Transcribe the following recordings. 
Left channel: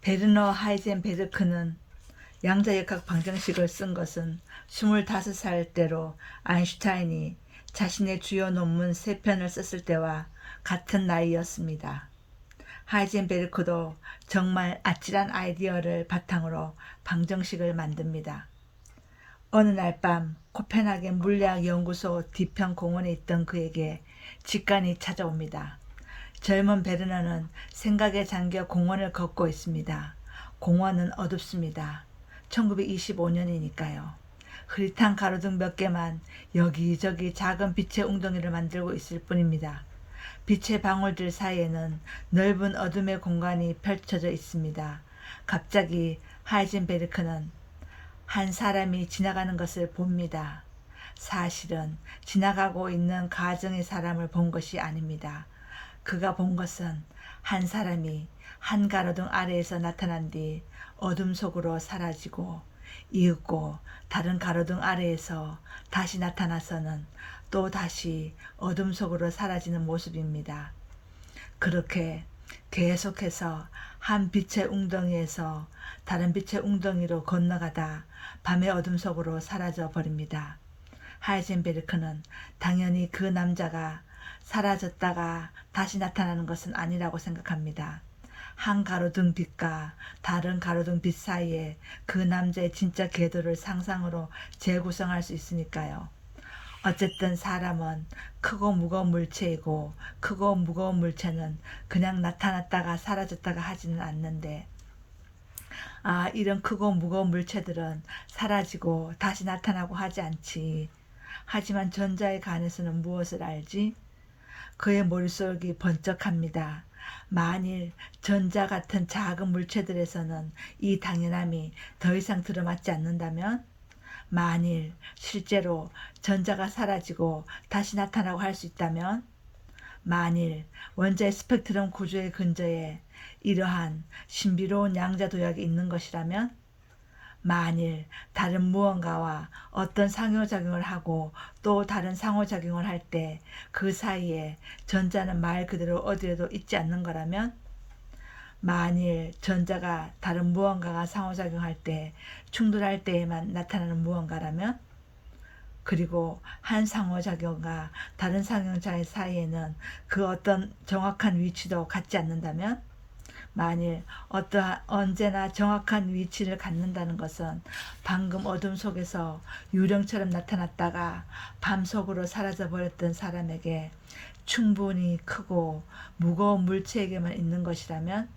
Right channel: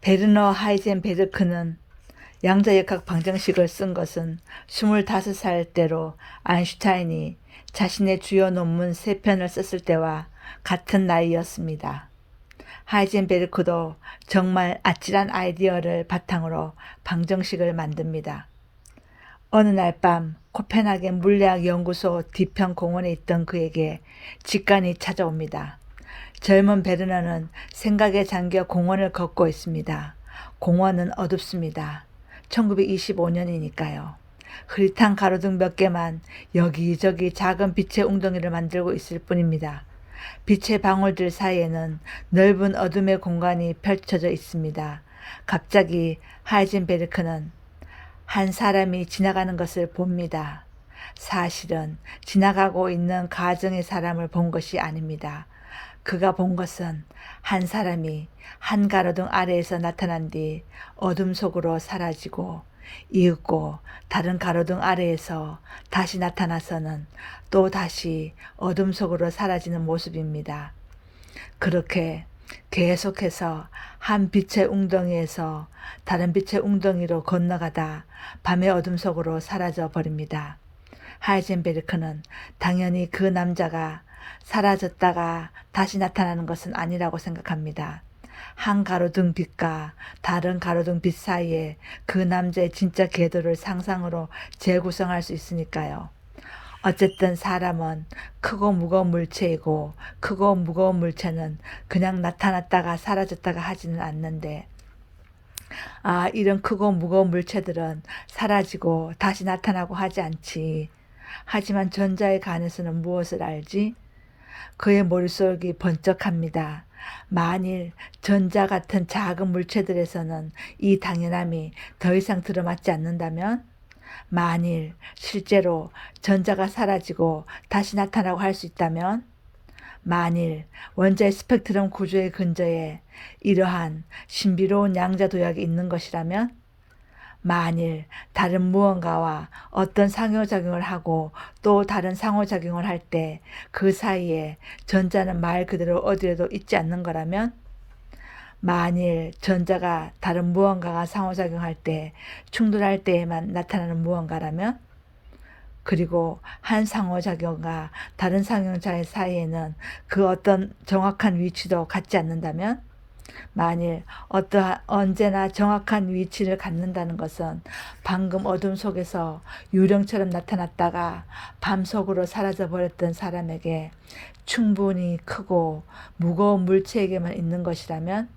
베르너 하이젠베르크는 양자역학 방정식을 쓴 것은 25살 때로 아인슈타인이 자신의 주요 논문 3편을 썼을 때와 같은 나이였습니다. 하이젠베르크도 정말 아찔한 아이디어를 바탕으로 방정식을 만듭니다. 어느 날 밤 코펜하겐 물리학 연구소 뒤편 공원에 있던 그에게 직감이 찾아옵니다. 젊은 베르너는 생각에 잠겨 공원을 걷고 있습니다. 공원은 어둡습니다. 1925년이니까요. 흐릿한 가로등 몇 개만 여기저기 작은 빛의 웅덩이를 만들고 있을 뿐입니다. 빛의 방울들 사이에는 넓은 어둠의 공간이 펼쳐져 있습니다. 갑자기 하이젠베르크는 한 사람이 지나가는 것을 봅니다. 사실은 지나가고 있는 가정의 사람을 본 것이 아닙니다. 그가 본 것은 한 사람이 한 가로등 아래에서 나타난 뒤 어둠 속으로 사라지고 이윽고 다른 가로등 아래에서 다시 나타나서는 또 다시 어둠 속으로 사라지는 모습입니다. 그렇게 계속해서 한 빛의 웅덩이에서 다른 빛의 웅덩이로 건너가다 밤의 어둠 속으로 사라져 버립니다. 하이젠베르크는 당연히 그 남자가 사라졌다가 다시 나타나는 것은 아니라고 생각합니다. 한 가로등 빛과 다른 가로등 빛 사이에 그 남자의 진짜 궤도를 상상으로 재구성할 수 있으니까요. 어쨌든 사람은 크고 무거운 물체이고 크고 무거운 물체는 그냥 나타났다가 사라졌다가 하지는 않는데 이런 크고 무거운 물체들은 사라지고 다시 나타나고 하지 않지. 하지만 전자에 관해서는 무엇을 알지? 그의 머릿속이 번쩍합니다. 만일 전자 같은 작은 물체들에서는 이 당연함이 더 이상 들어맞지 않는다면? 만일 실제로 전자가 사라지고 다시 나타나고 할 수 있다면? 만일 원자의 스펙트럼 구조의 근저에 이러한 신비로운 양자 도약이 있는 것이라면? 만일 다른 무언가와 어떤 상호작용을 하고 또 다른 상호작용을 할 때 그 사이에 전자는 말 그대로 어디에도 있지 않는 거라면? 만일 전자가 다른 무언가가 상호작용할 때 충돌할 때에만 나타나는 무언가라면? 그리고 한 상호작용과 다른 상호작용 사이에는 그 어떤 정확한 위치도 갖지 않는다면? 만일 언제나 정확한 위치를 갖는다는 것은 방금 어둠 속에서 유령처럼 나타났다가 밤 속으로 사라져 버렸던 사람에게 충분히 크고 무거운 물체에게만 있는 것이라면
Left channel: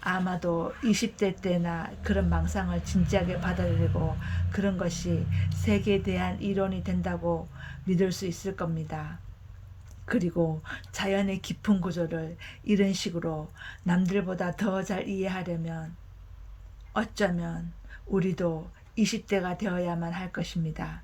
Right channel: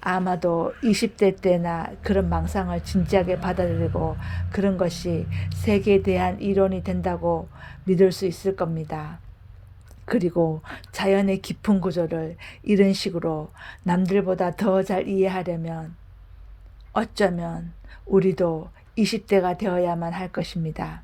아마도 20대 때나 그런 망상을 진지하게 받아들이고 그런 것이 세계에 대한 이론이 된다고 믿을 수 있을 겁니다. 그리고 자연의 깊은 구조를 이런 식으로 남들보다 더 잘 이해하려면 어쩌면 우리도 20대가 되어야만 할 것입니다.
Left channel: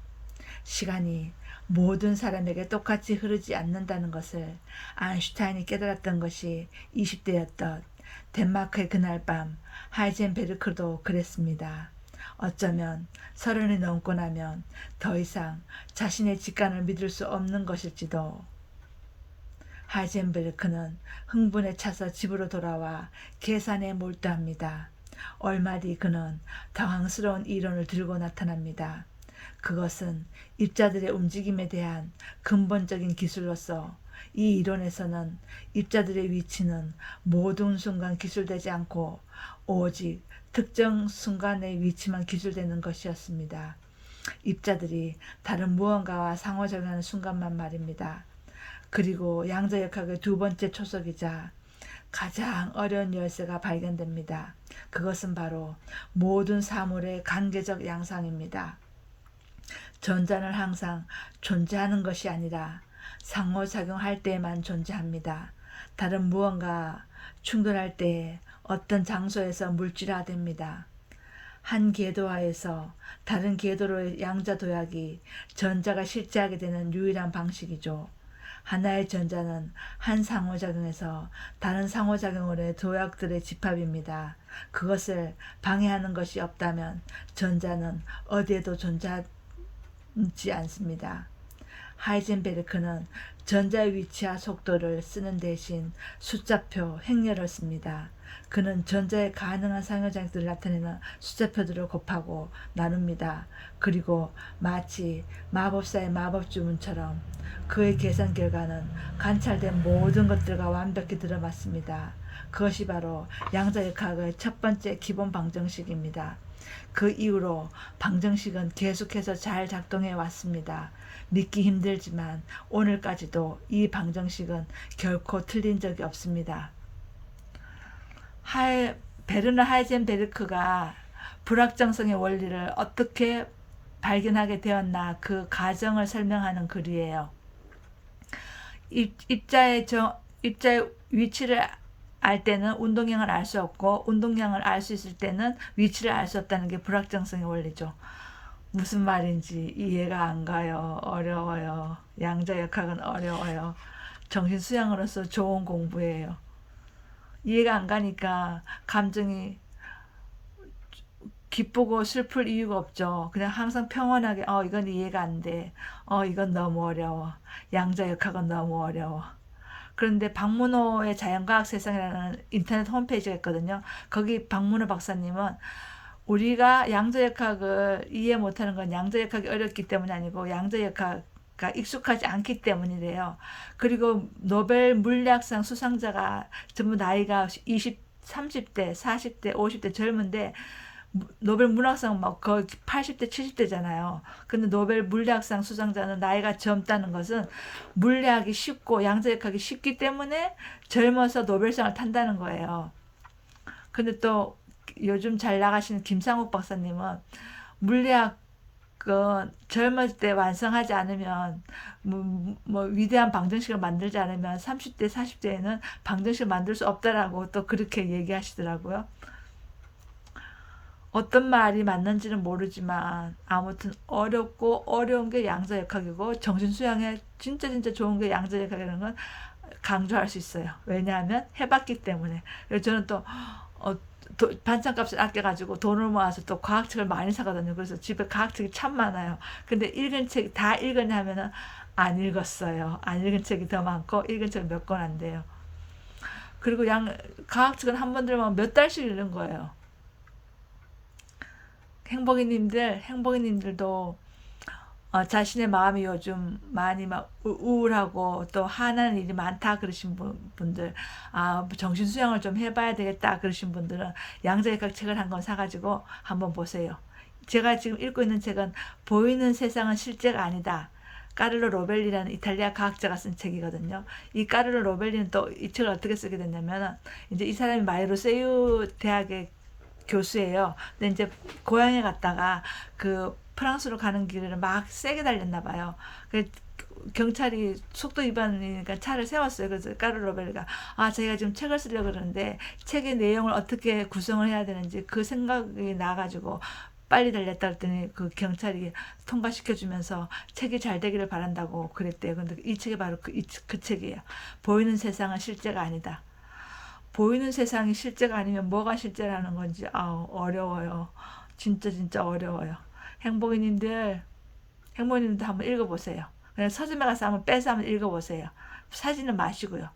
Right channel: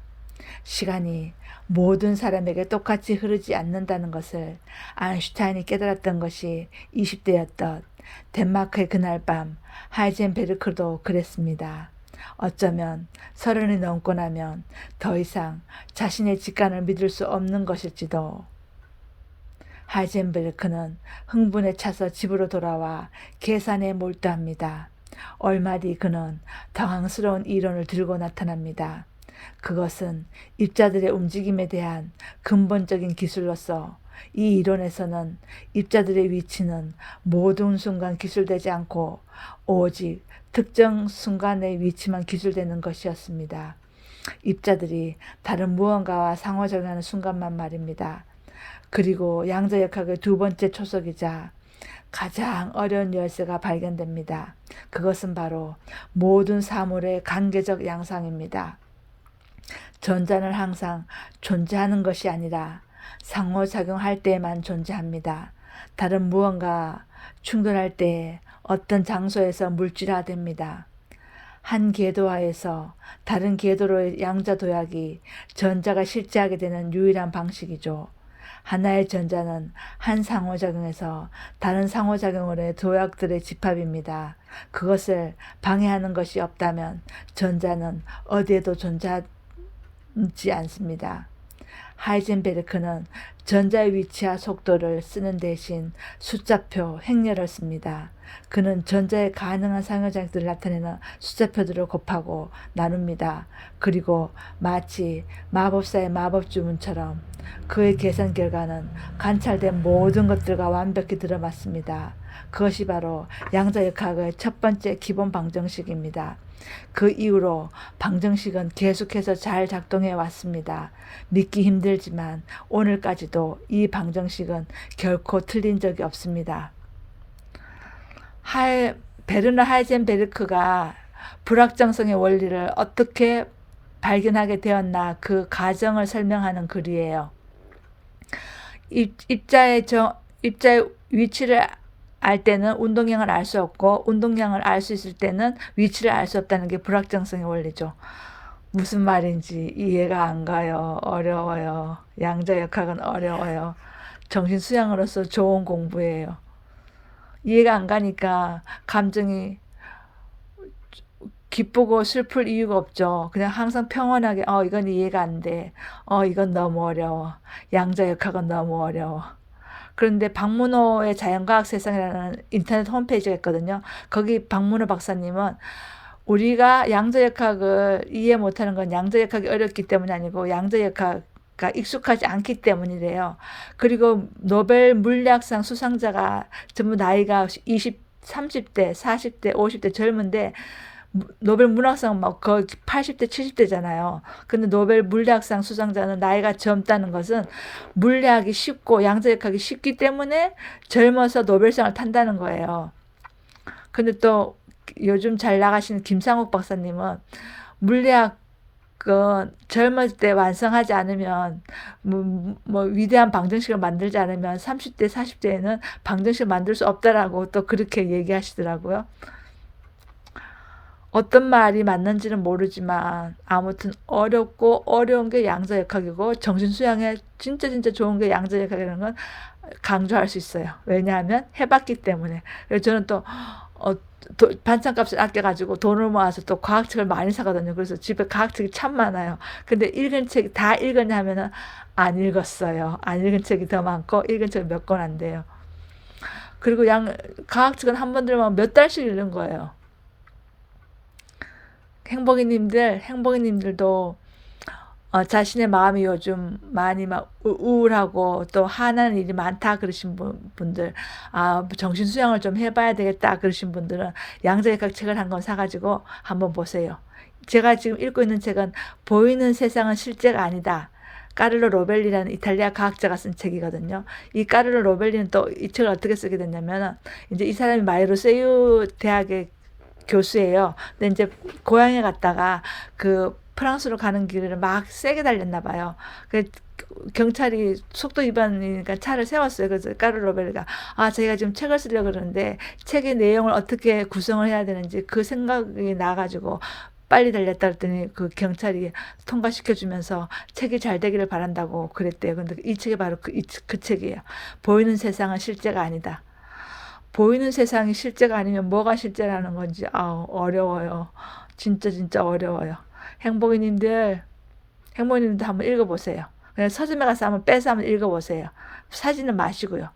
시간이 모든 사람에게 똑같이 흐르지 않는다는 것을 아인슈타인이 깨달았던 것이 20대였던 덴마크의 그날 밤 하이젠베르크도 그랬습니다. 어쩌면 30이 넘고 나면 더 이상 자신의 직감을 믿을 수 없는 것일지도. 하이젠베르크는 흥분에 차서 집으로 돌아와 계산에 몰두합니다. 얼마 뒤 그는 당황스러운 이론을 들고 나타납니다. 그것은 입자들의 움직임에 대한 근본적인 기술로서 이 이론에서는 입자들의 위치는 모든 순간 기술되지 않고 오직 특정 순간의 위치만 기술되는 것이었습니다. 입자들이 다른 무언가와 상호작용하는 순간만 말입니다. 그리고 양자역학의 두 번째 초석이자 가장 어려운 열쇠가 발견됩니다. 그것은 바로 모든 사물의 관계적 양상입니다. 전자는 항상 존재하는 것이 아니라 상호작용할 때에만 존재합니다. 다른 무언가 충돌할 때 어떤 장소에서 물질화됩니다. 한 궤도화에서 다른 궤도로의 양자 도약이 전자가 실제하게 되는 유일한 방식이죠. 하나의 전자는 한 상호작용에서 다른 상호작용으로의 도약들의 집합입니다. 그것을 방해하는 것이 없다면 전자는 어디에도 존재하지 않습니다. 하이젠베르크는 전자의 위치와 속도를 쓰는 대신 숫자표, 행렬을 씁니다. 그는 전자의 가능한 상호작용들을 나타내는 숫자표들을 곱하고 나눕니다. 그리고 마치 마법사의 마법 주문처럼 그의 계산 결과는 관찰된 모든 것들과 완벽히 들어맞습니다. 그것이 바로 양자역학의 첫 번째 기본 방정식입니다. 그 이후로 방정식은 계속해서 잘 작동해 왔습니다. 믿기 힘들지만 오늘까지도 이 방정식은 결코 틀린 적이 없습니다. 베르너 하이젠베르크가 불확정성의 원리를 어떻게 발견하게 되었나 그 과정을 설명하는 글이에요. 입자의 위치를 알 때는 운동량을 알 수 없고 운동량을 알 수 있을 때는 위치를 알 수 없다는 게 불확정성의 원리죠. 무슨 말인지 이해가 안 가요. 어려워요. 양자역학은 어려워요. 정신수양으로서 좋은 공부예요. 이해가 안 가니까 감정이 기쁘고 슬플 이유가 없죠. 그냥 항상 평온하게 이건 이해가 안 돼. 이건 너무 어려워. 양자역학은 너무 어려워. 그런데 박문호의 자연과학 세상이라는 인터넷 홈페이지가 있거든요. 거기 박문호 박사님은 우리가 양자역학을 이해 못하는 건 양자역학이 어렵기 때문이 아니고 양자역학가 익숙하지 않기 때문이래요. 그리고 노벨 물리학상 수상자가 전부 나이가 20, 30대, 40대, 50대 젊은데 노벨 문학상 막 거의 80대, 70대잖아요. 근데 노벨 물리학상 수상자는 나이가 젊다는 것은 물리학이 쉽고 양자역학이 쉽기 때문에 젊어서 노벨상을 탄다는 거예요. 근데 또 요즘 잘 나가시는 김상욱 박사님은 물리학은 젊을 때 완성하지 않으면 뭐 위대한 방정식을 만들지 않으면 30대, 40대에는 방정식을 만들 수 없다라고 또 그렇게 얘기하시더라고요. 어떤 말이 맞는지는 모르지만 아무튼 어렵고 어려운 게 양자역학이고 정신수양에 진짜 좋은 게 양자역학이라는 건 강조할 수 있어요. 왜냐하면 해봤기 때문에. 그래서 저는 또 반찬값을 아껴가지고 돈을 모아서 또 과학책을 많이 사거든요. 그래서 집에 과학책이 참 많아요. 근데 읽은 책 다 읽었냐 하면은 안 읽었어요. 안 읽은 책이 더 많고 읽은 책은 몇 권 안 돼요. 그리고 과학책은 한 번 들으면 몇 달씩 읽는 거예요. 행복이님들도 자신의 마음이 요즘 많이 막 우울하고 또 화나는 일이 많다 그러신 분들, 정신수양을 좀 해봐야 되겠다 그러신 분들은 양자역학 책을 한 권 사가지고 한번 보세요. 제가 지금 읽고 있는 책은 보이는 세상은 실제가 아니다. 까를로 로벨리라는 이탈리아 과학자가 쓴 책이거든요. 이 까를로 로벨리는 또 이 책을 어떻게 쓰게 됐냐면 이제 이 사람이 마이로세유 대학의 교수예요. 근데 이제 고향에 갔다가 그 프랑스로 가는 길을 막 세게 달렸나 봐요. 그 경찰이 속도 위반이니까 차를 세웠어요. 그래서 까르로벨가 제가 지금 책을 쓰려고 그러는데 책의 내용을 어떻게 구성을 해야 되는지 그 생각이 나가지고 빨리 달렸다 그랬더니 그 경찰이 통과시켜 주면서 책이 잘 되기를 바란다고 그랬대요. 근데 이 책이 바로 그 책이에요. 보이는 세상은 실제가 아니다. 보이는 세상이 실제가 아니면 뭐가 실제라는 건지 어려워요. 진짜 어려워요. 행복이님들 한번 읽어보세요. 그냥 서점에 가서 한번 빼서 한번 읽어보세요. 사지는 마시고요.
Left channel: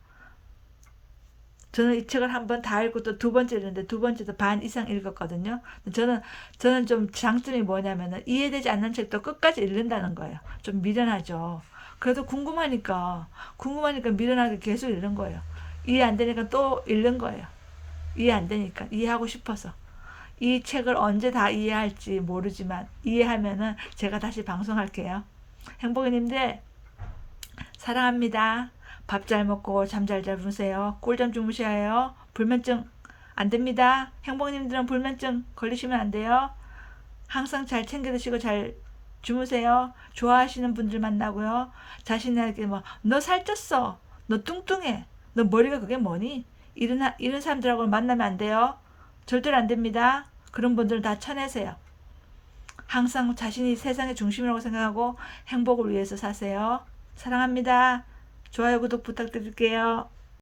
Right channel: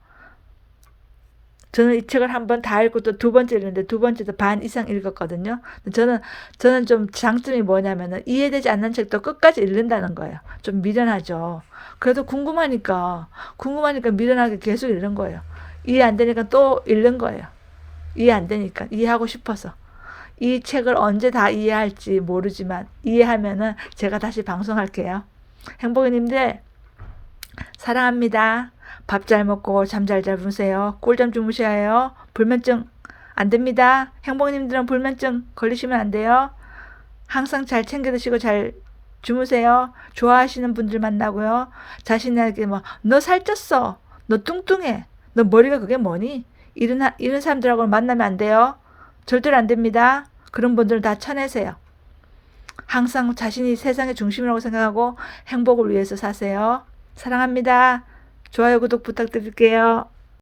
저는 이 책을 한번 다 읽고 또 두 번째 읽는데 두 번째도 반 이상 읽었거든요. 저는 좀 장점이 뭐냐면은 이해되지 않는 책도 끝까지 읽는다는 거예요. 좀 미련하죠. 그래도 궁금하니까 미련하게 계속 읽는 거예요. 이해 안 되니까 또 읽는 거예요. 이해 안 되니까 이해하고 싶어서. 이 책을 언제 다 이해할지 모르지만 이해하면은 제가 다시 방송할게요. 행복이님들 사랑합니다. 밥 잘 먹고 잠 잘 주무세요. 꿀잠 주무셔야 해요. 불면증 안 됩니다. 행복이님들은 불면증 걸리시면 안 돼요. 항상 잘 챙겨 드시고 잘 주무세요. 좋아하시는 분들 만나고요. 자신에게 너 살쪘어. 너 뚱뚱해. 너 머리가 그게 뭐니? 이런 사람들하고 만나면 안 돼요. 절대로 안 됩니다. 그런 분들은 다 쳐내세요. 항상 자신이 세상의 중심이라고 생각하고 행복을 위해서 사세요. 사랑합니다. 좋아요, 구독 부탁드릴게요.